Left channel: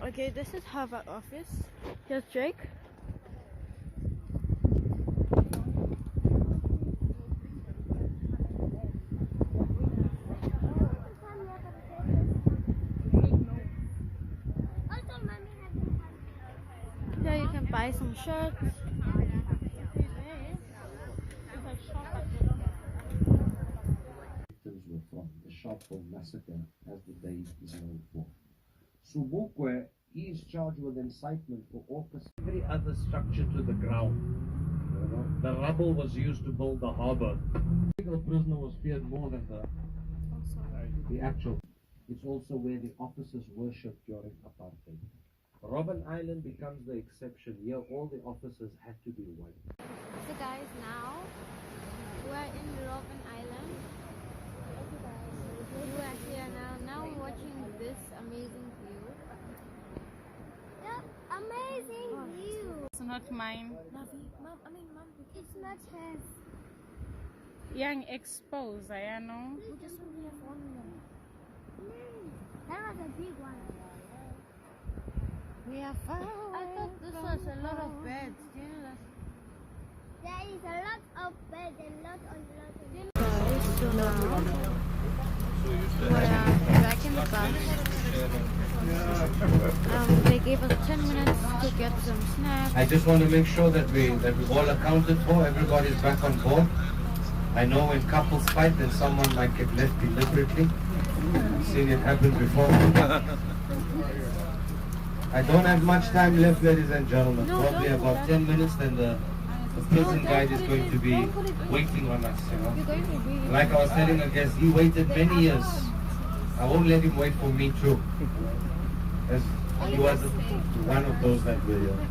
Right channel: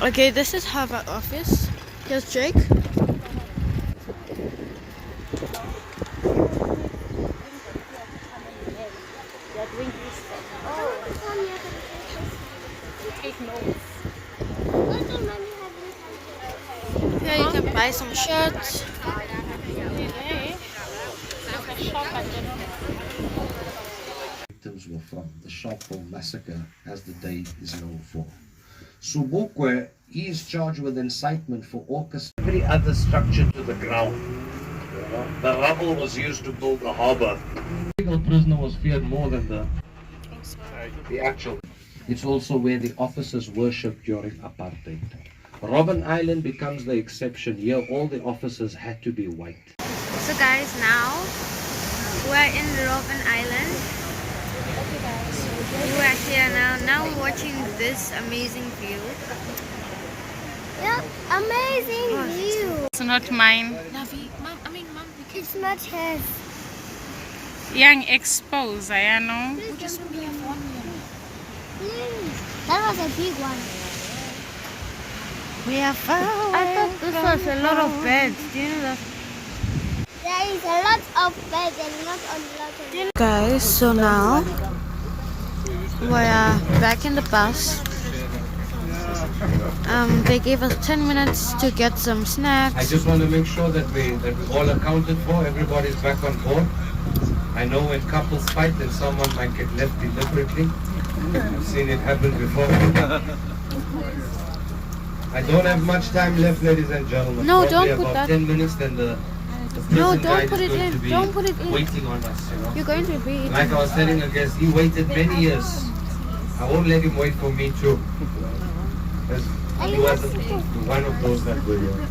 Okay, this is Harvard office. Here's Jake. Here you can buy some shirts. Victims were from the Sharpeville massacre, as the day is known for. Subukwe is charged with incitement for orchestrating every other structure to the ground. The rubble was used to build the harbour. The legal prisoner was feared more than the actual. It's also where the officers worshipped during apartheid. Robben Island becomes the exception. Here all the officers had to be white. So guys, now we're in Robben Island. We're here now watching this amazing view. Yep, amazing view. It's not mine. Mom, It's not his. Young exposed, I know. Please. That was a big one. we are far away. I thought this was a lot of beds. Do you know that? There is a lot of beds and not a lot of Guys, so now we're back in the bus. They gave us 10 minutes to get some snacks. I just want to make sure that we all accounted for. Everybody's back on board. I know when couples fight, then someone might get left deliberately. I've seen it happen before. I don't have much time left, ladies and gentlemen. No, Probably don't put about that. 10 minutes, then the prison don't guide put is it going in. to be Don't put it in. waiting on us. You know? You're going to read. Like I was telling a guest, he waited many years. I won't let him wait for me too. He wasn't one of those that were here.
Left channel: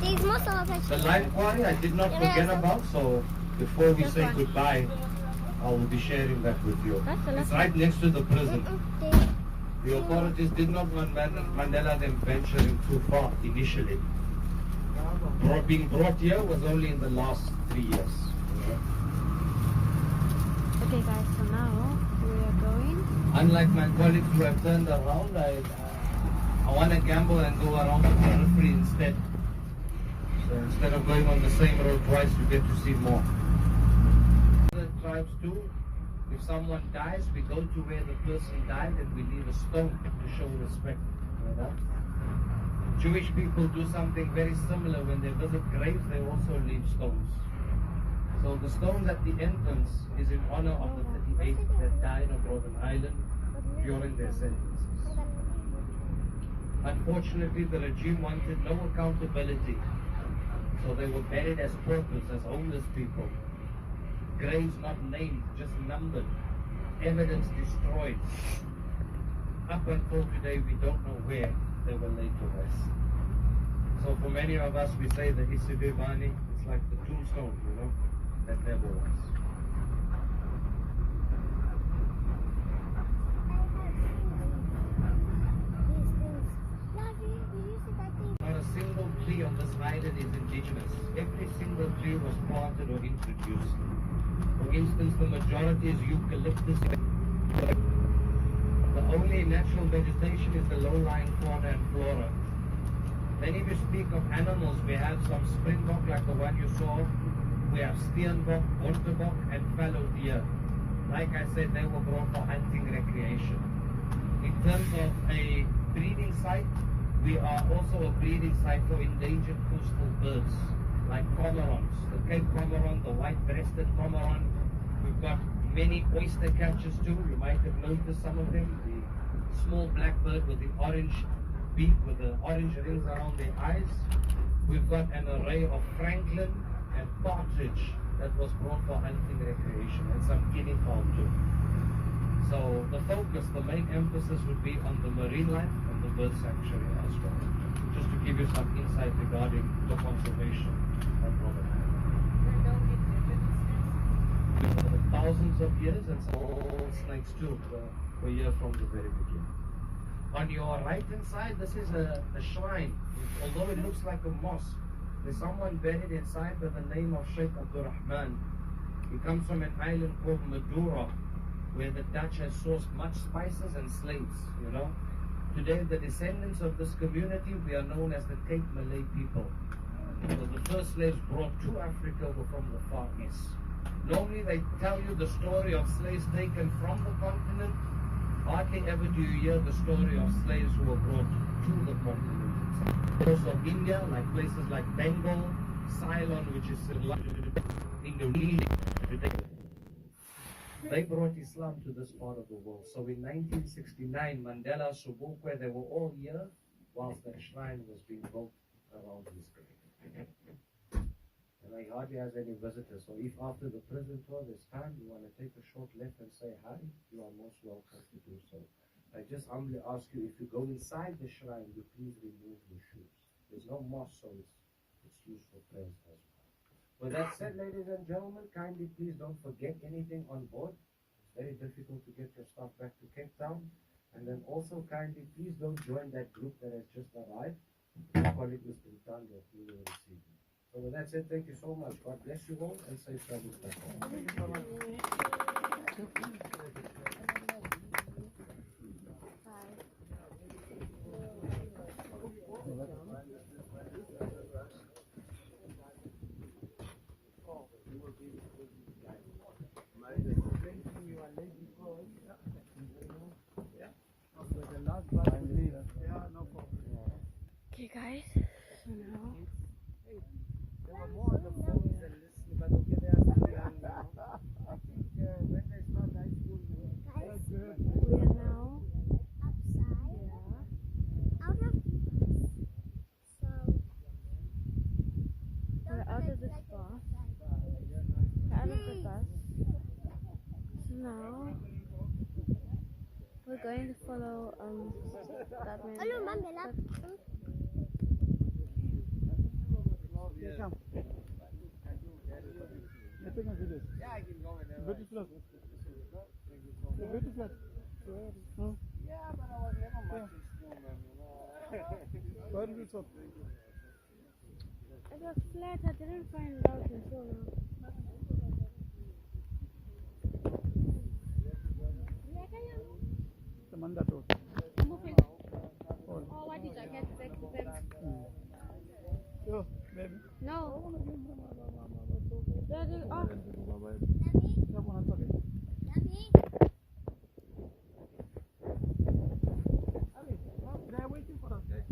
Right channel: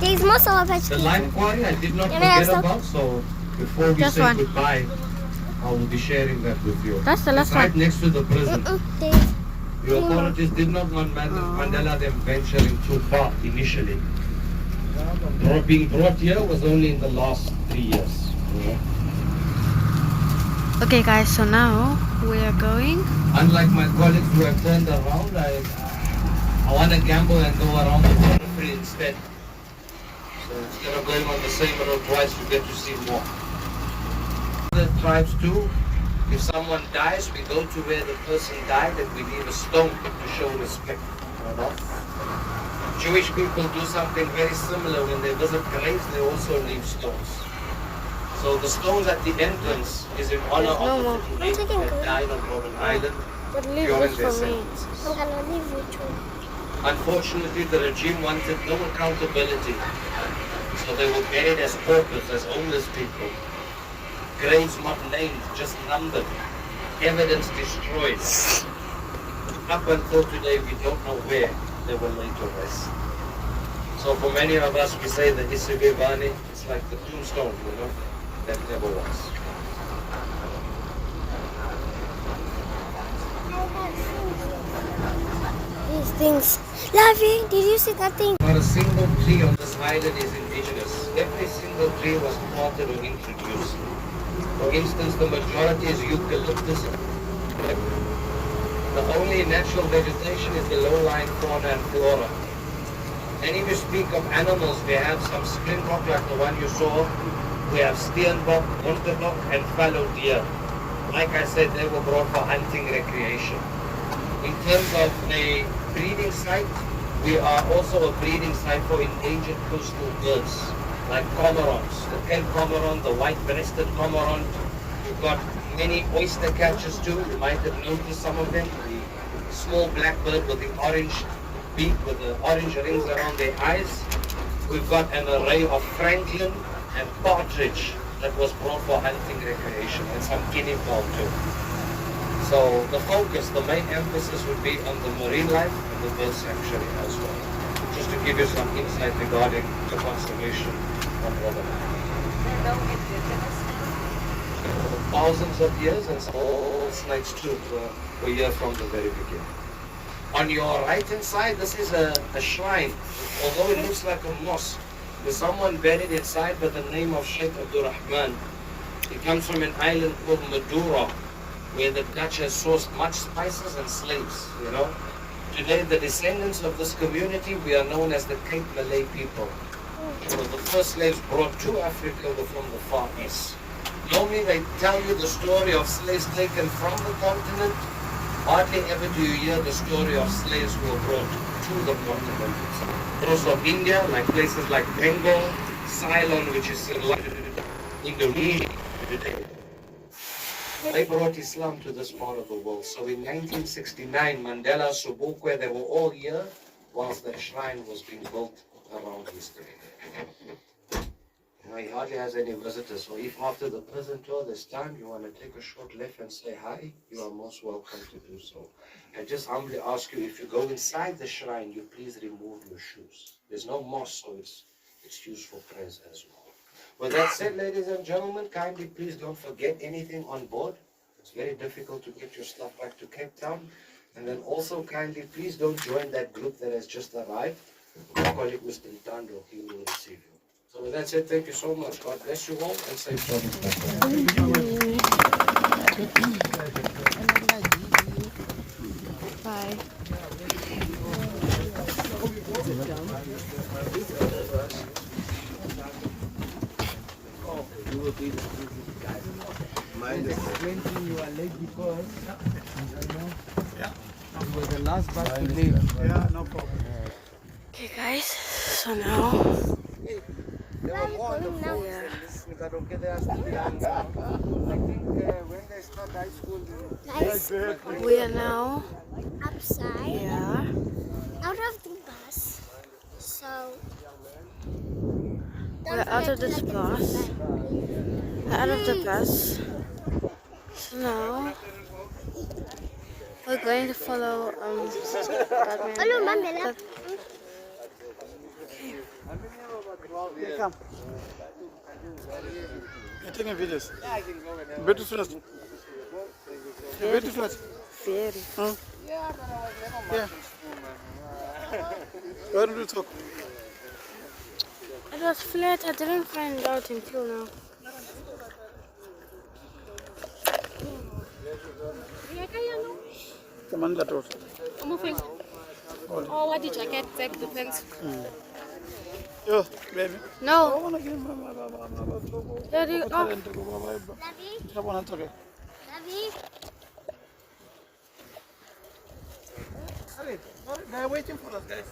There's more solar patch. The live quarry I did not Can I have forget some? about, so before we Just say one. goodbye, I will be sharing that with you. That's the last It's right one. next to the prison. There's The authorities did not want Mandela them venturing too far initially. Being brought here was only in the last 3 years. You know? Okay guys, so now we are going. Unlike my colleagues who have turned around, I want to gamble and go around the periphery instead. So instead of going on the same road twice, you get to see more. The tribes too, if someone dies, we go to where the person died and we leave a stone to show respect. You know? Jewish people do something very similar. When they visit graves, they also leave stones. So the stones at the entrance is in honor of the 58 that died on Robben Island during their sentences. I'm gonna leave you too. Unfortunately, the regime wanted no accountability. So they were buried as paupers, as homeless people. Graves not named, just numbered. Evidence destroyed. Up until today, we don't know where they were laid to rest. So for many of us, we say the Isibivani, it's like the tombstone, you know, that never was. These things. Lovey, did you see that thing? Not a single tree on this island is indigenous. Every single tree was planted or introduced. For instance, the majority is eucalyptus. The only natural vegetation is the low-lying fauna and flora. And if you speak of animals, we have some springbok like the one you saw. We have steenbok, monsterbok, and fallow deer. Like I said, they were brought for hunting recreation. In terms of a breeding site, we are also a breeding site for endangered coastal birds, like cormorants. The Cape cormorant, the white-breasted cormorant. We've got many oyster catchers too. You might have noticed some of them. The small black bird with the orange beak, with the orange rings around their eyes. We've got an array of franklin and partridge that was brought for hunting recreation, and some guinea fowl too. So the focus, the main emphasis would be on the marine life and the bird sanctuary as well. Just to give you some insight regarding the conservation of Robben Island. For thousands of years, and some old snakes too were here from the very beginning. On your right hand side, this is a shrine. Although it looks like a mosque, there's someone buried inside by the name of Sheikh Abdul Rahman. He comes from an island called Madura, where the Dutch has sourced much spices and slaves, you know. Today, the descendants of this community, we are known as the Cape Malay people. So the first slaves brought to Africa were from the Far East. Normally, they tell you the story of slaves taken from the continent. Hardly ever do you hear the story of slaves who were brought to the continent. Those of India, like places like Bengal, Ceylon, which is in Indonesia today. They brought Islam to this part of the world. So in 1969, Mandela, Sobukwe, they were all here whilst the shrine was being built around history. You know, he hardly has any visitors. So if after the prison tour this time you want to take a short left and say hi, you are most welcome to do so. And just humbly ask you, if you go inside the shrine, you please remove your shoes. There's no mosque, so it's used for prayers as well. With that said, ladies and gentlemen, kindly please don't forget anything on board. It's very difficult to get your stuff back to Cape Town. And then also kindly please don't join that group that has just arrived. My colleague Mr. Itando, he will receive you. So with that said, thank you so much. God bless you all and safe travels back. Bye. Mine is when you are late because you were the last bus to leave. Yeah, no problem. Okay, guys. So now, There were more on the phones than listening, but okay, they are still young now. I think when they start high school, Guys, we are now, outside, yeah, out of the bus. So, we're out of this bus. We're out of the bus. So now, we're going to follow Batman. hello, Mandela. come. You're taking videos. Yeah, I can go. Better first. Better first. Very. Huh? Yeah, but I was never much in school, man. Why don't you talk? It was flat. I didn't find out until now. Come on, that road. Moving. Oh, what did you get? Take the pens. Yo, baby. I No. want to give my There you go. Lovely, okay. lovely. They're waiting for us, guys.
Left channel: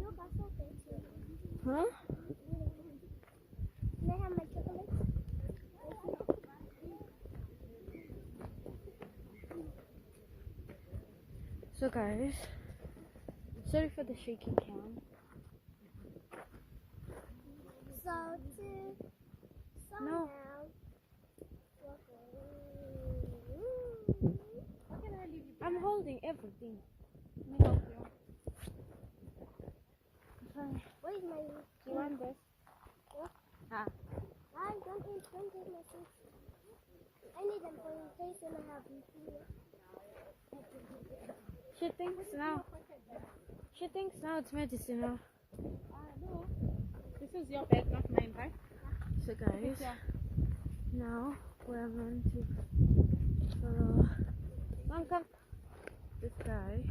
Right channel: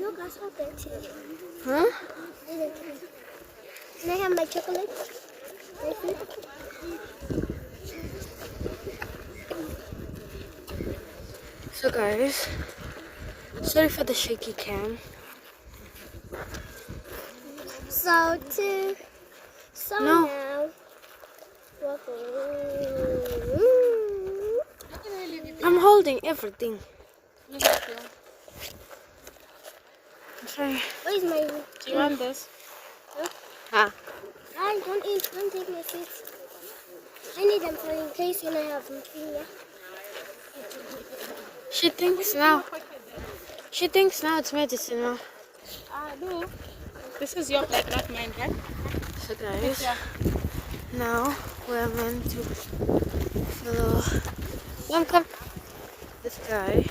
Look, I saw that too. Huh? Can I have my chocolate? So guys, sorry for the shaky cam. So No. now. I'm holding everything. Sorry. Where's my? Do you want this? Huh? I don't eat. Don't take my seats. I need them for in case when I have finger. She thinks now. She thinks now it's medicinal. No. This is your bag, not mine, right? So guys, now we're meant to follow. Come. This guy.